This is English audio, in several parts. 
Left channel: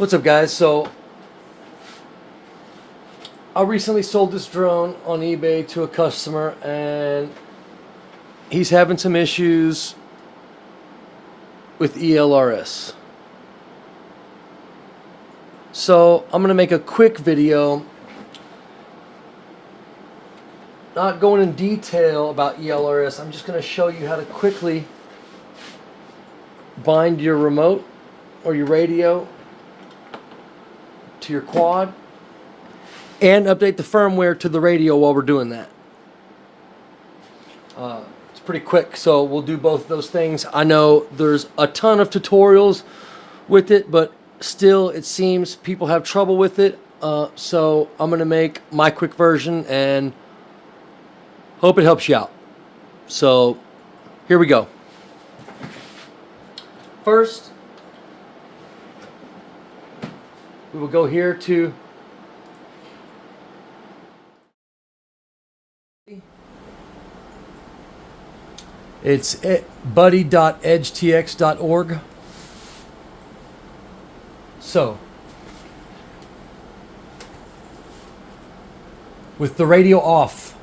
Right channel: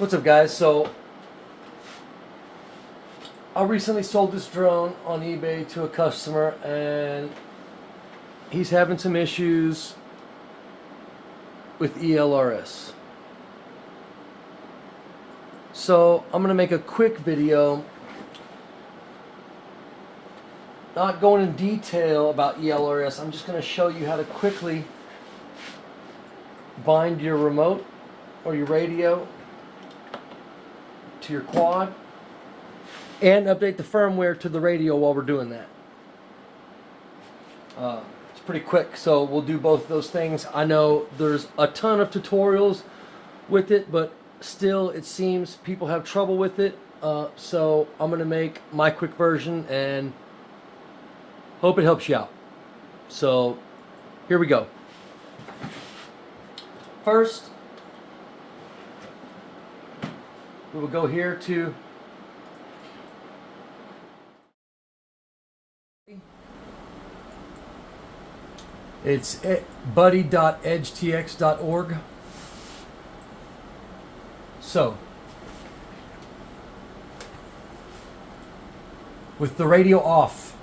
What's up, guys? So I recently sold this drone on eBay to a customer, and he's having some issues with ELRS. So I'm gonna make a quick video, not going in detail about ELRS. I'm just gonna show you how to quickly bind your remote or your radio to your quad and update the firmware to the radio while we're doing that. It's pretty quick, so we'll do both of those things. I know there's a ton of tutorials with it, but still it seems people have trouble with it. So I'm gonna make my quick version and hope it helps you out. So here we go. First, we will go here to it's buddy.edgetx.org. So, with the radio off,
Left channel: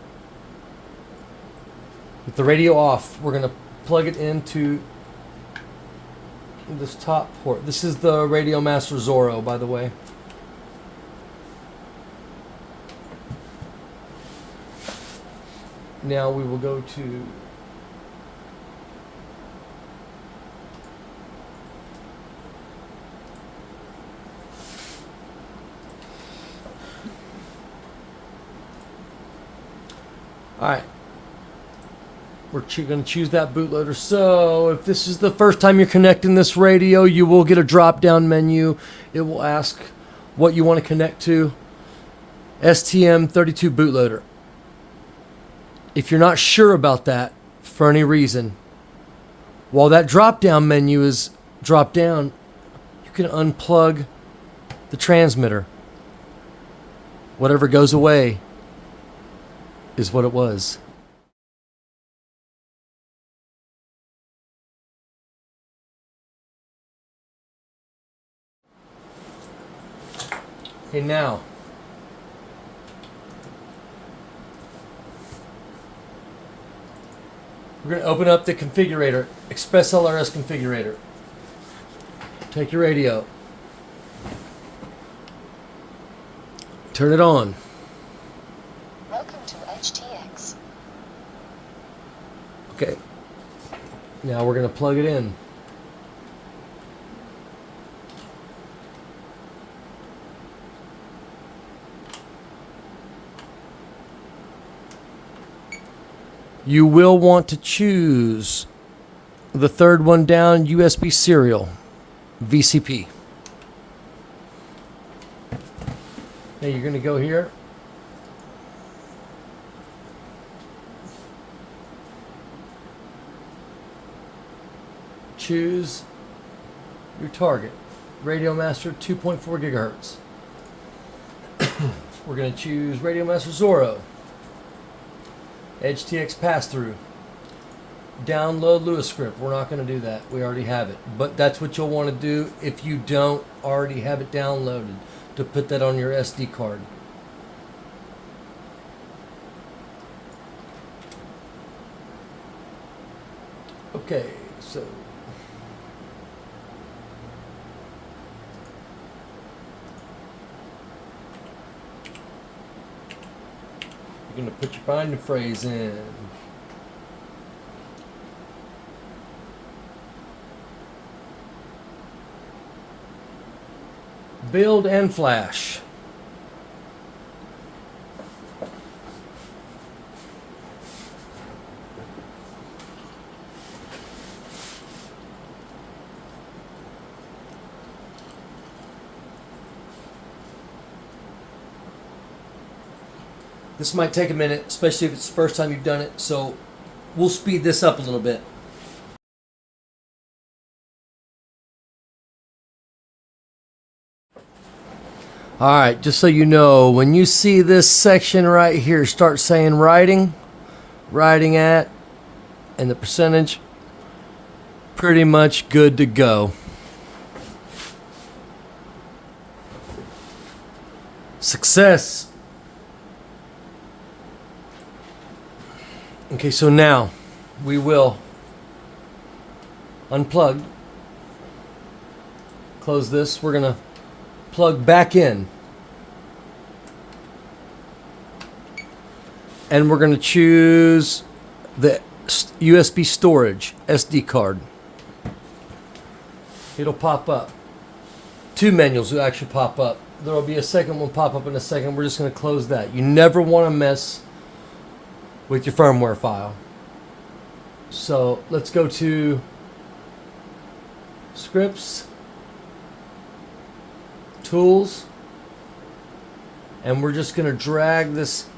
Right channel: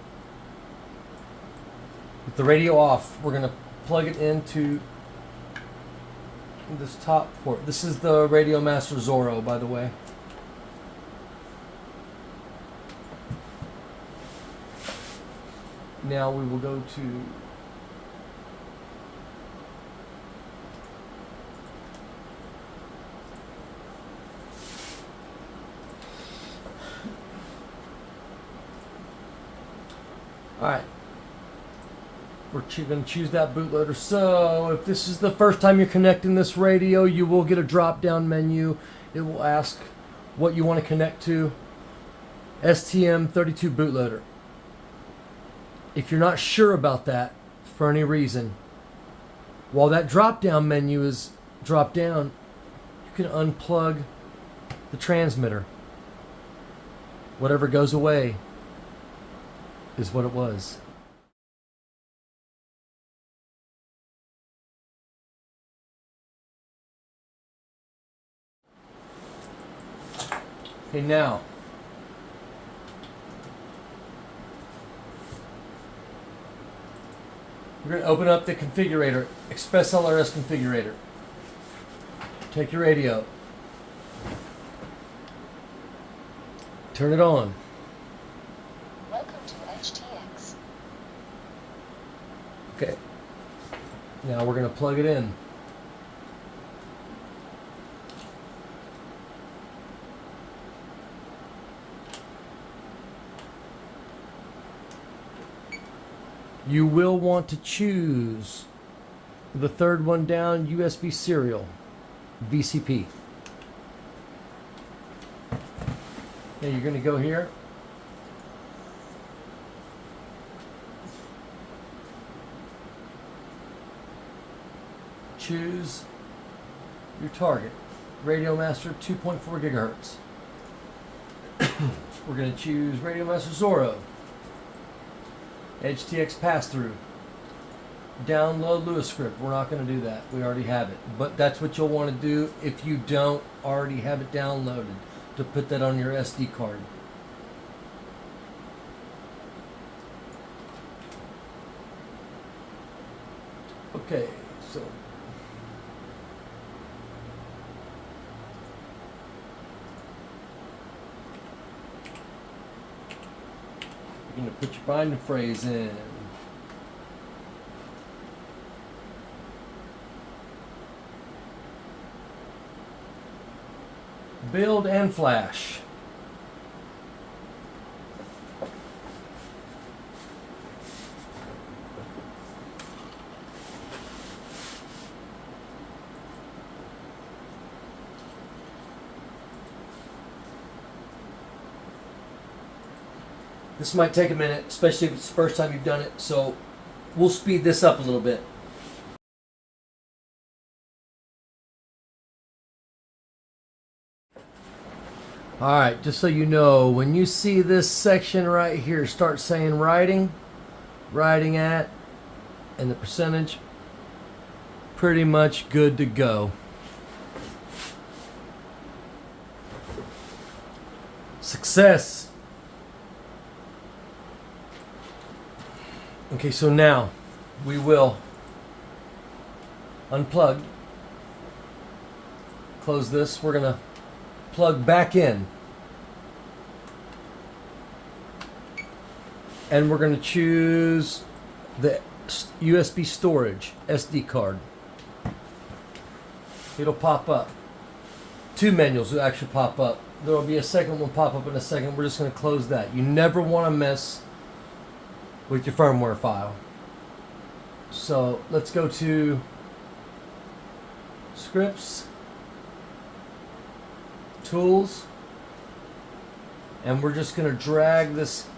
we're going to plug it into this top port. This is the Radiomaster Zorro, by the way. Now we will go to Alright, we're going to choose that bootloader. So if this is the first time you're connecting this radio, you will get a drop down menu. It will ask what you want to connect to. STM32 bootloader. If you're not sure about that for any reason, while that drop down menu is dropped down, you can unplug the transmitter. Whatever goes away is what it was. Okay, now we're going to open up the configurator, Express LRS configurator. Take your radio, turn it on. Welcome to HTX. Okay, now we're going to plug it in. You will want to choose the third one down, USB serial, VCP. Now you're going to go here. Choose your target, Radiomaster 2.4 gigahertz. We're going to choose Radiomaster Zorro. HTX pass-through. Download Lewis script. We're not going to do that. We already have it. But that's what you'll want to do if you don't already have it downloaded, to put that on your SD card. Okay, so you're going to put your binding phrase in. Build and flash. This might take a minute, especially if it's the first time you've done it, so we'll speed this up a little bit. Alright, just so you know, when you see this section right here start saying writing at, and the percentage, pretty much good to go. Success. Okay, so now we will unplug. Close this. We're going to plug back in. And we're going to choose the USB storage SD card. It'll pop up. Two menus will actually pop up. There will be a second one pop up in a second. We're just going to close that. You never want to mess with your firmware file. So let's go to scripts, tools, and we're just going to drag this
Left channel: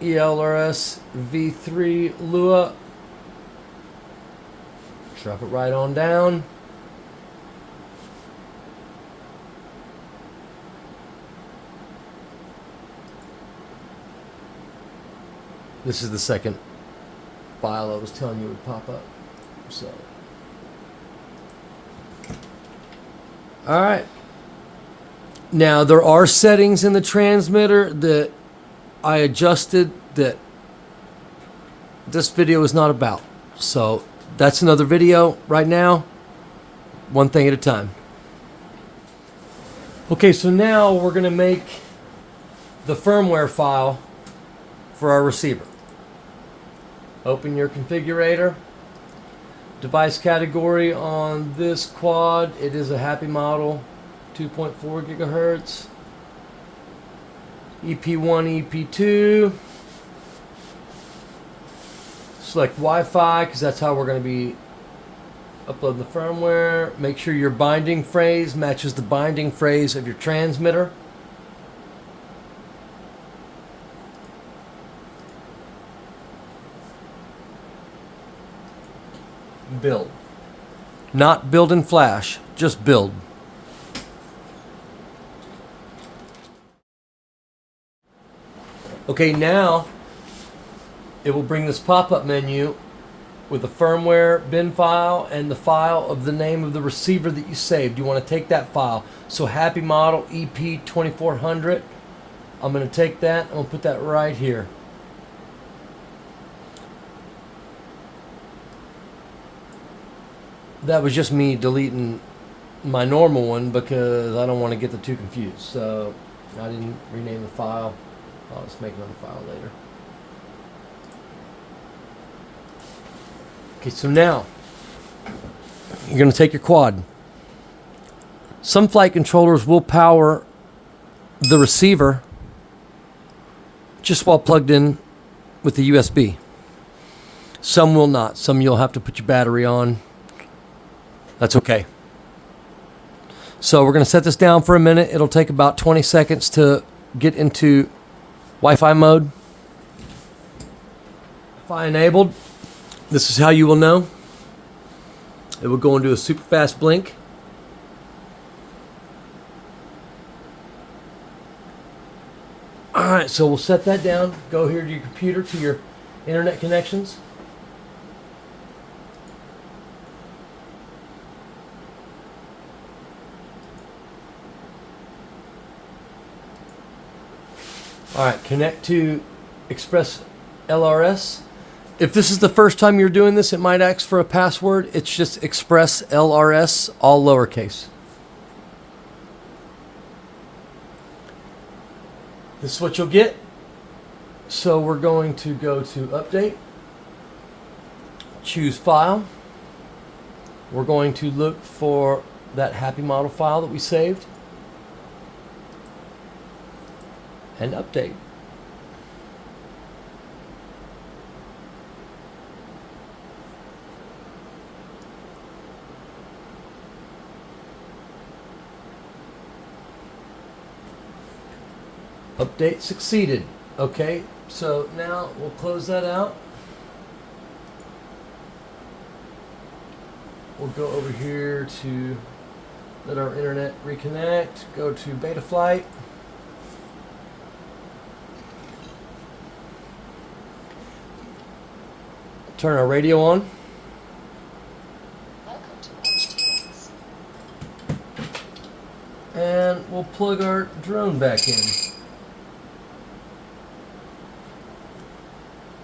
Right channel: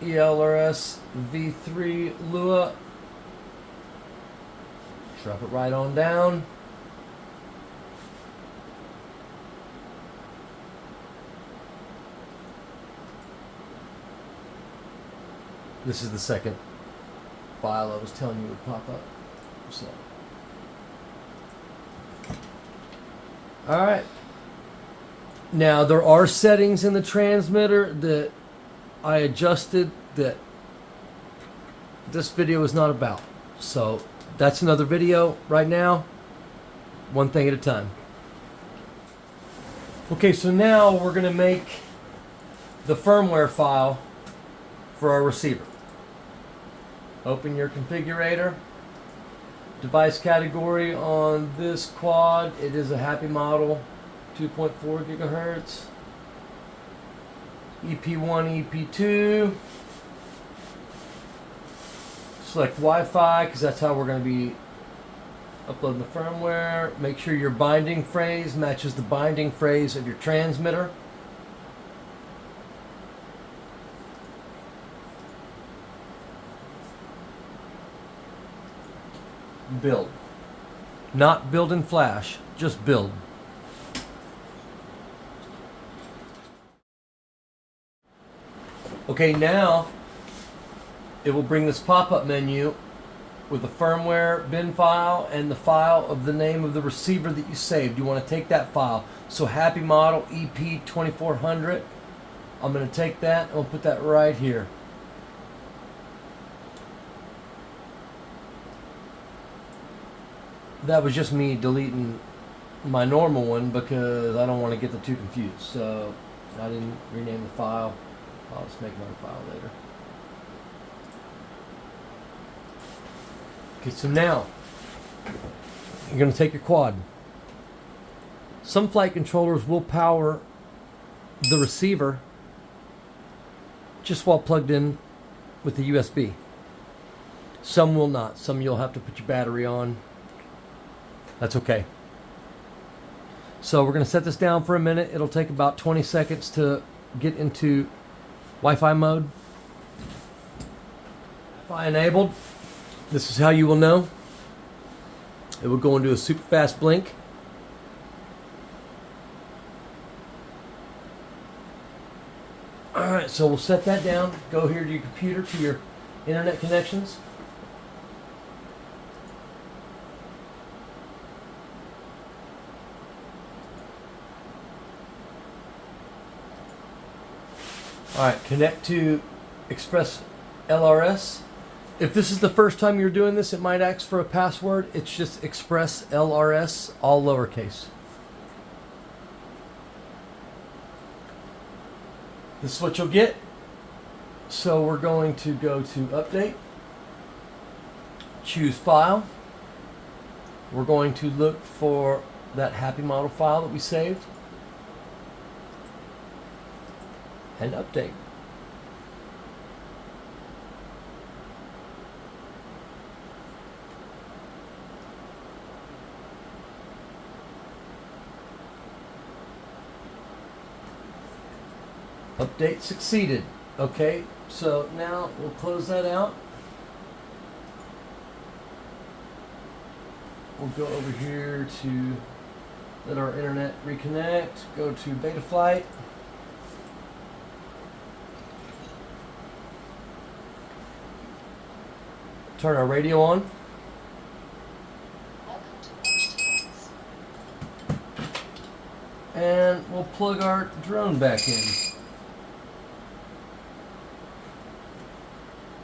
Elrs v3 Lua, drop it right on down. This is the second file I was telling you would pop up. So, all right. Now there are settings in the transmitter that I adjusted that this video is not about. So that's another video right now. One thing at a time. Okay, so now we're going to make the firmware file for our receiver. Open your configurator. Device category on this quad, it is a happy model, 2.4 gigahertz. EP1, EP2. Select Wi-Fi because that's how we're going to be uploading the firmware. Make sure your binding phrase matches the binding phrase of your transmitter. Build. Not build in Flash, just build. Okay, now it will bring this pop-up menu with the firmware bin file and the file of the name of the receiver that you saved. You want to take that file. So happy model EP2400. I'm going to take that and I'll put that right here. That was just me deleting my normal one because I don't want to get the two confused. So I didn't rename the file. I'll just make another file later. Okay, so now you're going to take your quad. Some flight controllers will power the receiver just while plugged in with the USB. Some will not. Some you'll have to put your battery on. That's okay. So we're going to set this down for a minute. It'll take about 20 seconds to get into Wi-Fi mode. Wi-Fi enabled. This is how you will know. It will go into a super fast blink. Alright, so we'll set that down. Go here to your computer, to your internet connections. Alright, connect to Express LRS. If this is the first time you're doing this, it might ask for a password. It's just Express LRS, all lowercase. This is what you'll get. So we're going to go to Update. Choose File. We're going to look for that happy model file that we saved. And update. Update succeeded. Okay, so now we'll close that out. We'll go over here to let our internet reconnect. Go to Betaflight. Turn our radio on. Welcome to HTX. And we'll plug our drone back in.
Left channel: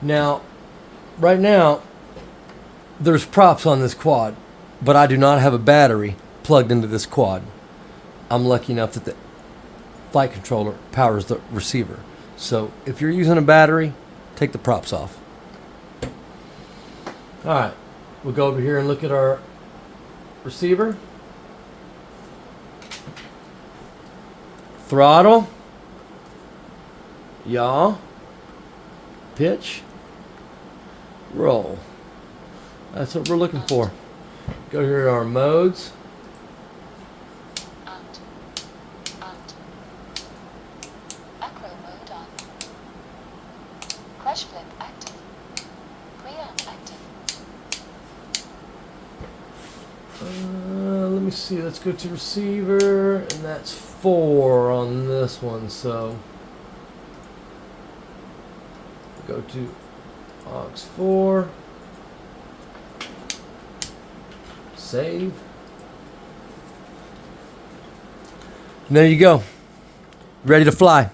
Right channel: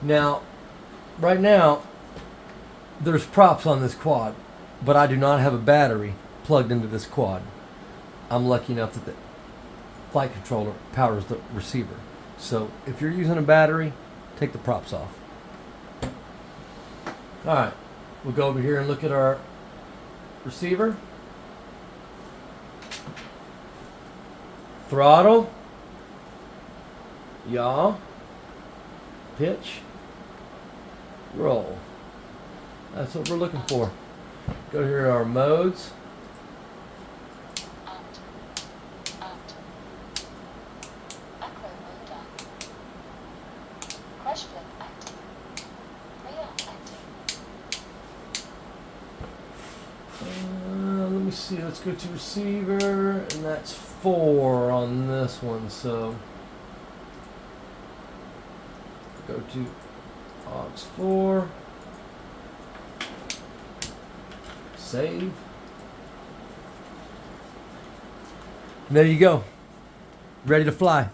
Now, right now, there's props on this quad, but I do not have a battery plugged into this quad. I'm lucky enough that the flight controller powers the receiver. So if you're using a battery, take the props off. All right, we'll go over here and look at our receiver. Throttle. Yaw. Pitch. Roll. That's what we're looking for. Go here to our modes. Acro mode on. Crash flip active. Preamp active. Let me see. Let's go to receiver, and that's 4 on this one. So go to aux 4. Save. And there you go. Ready to fly.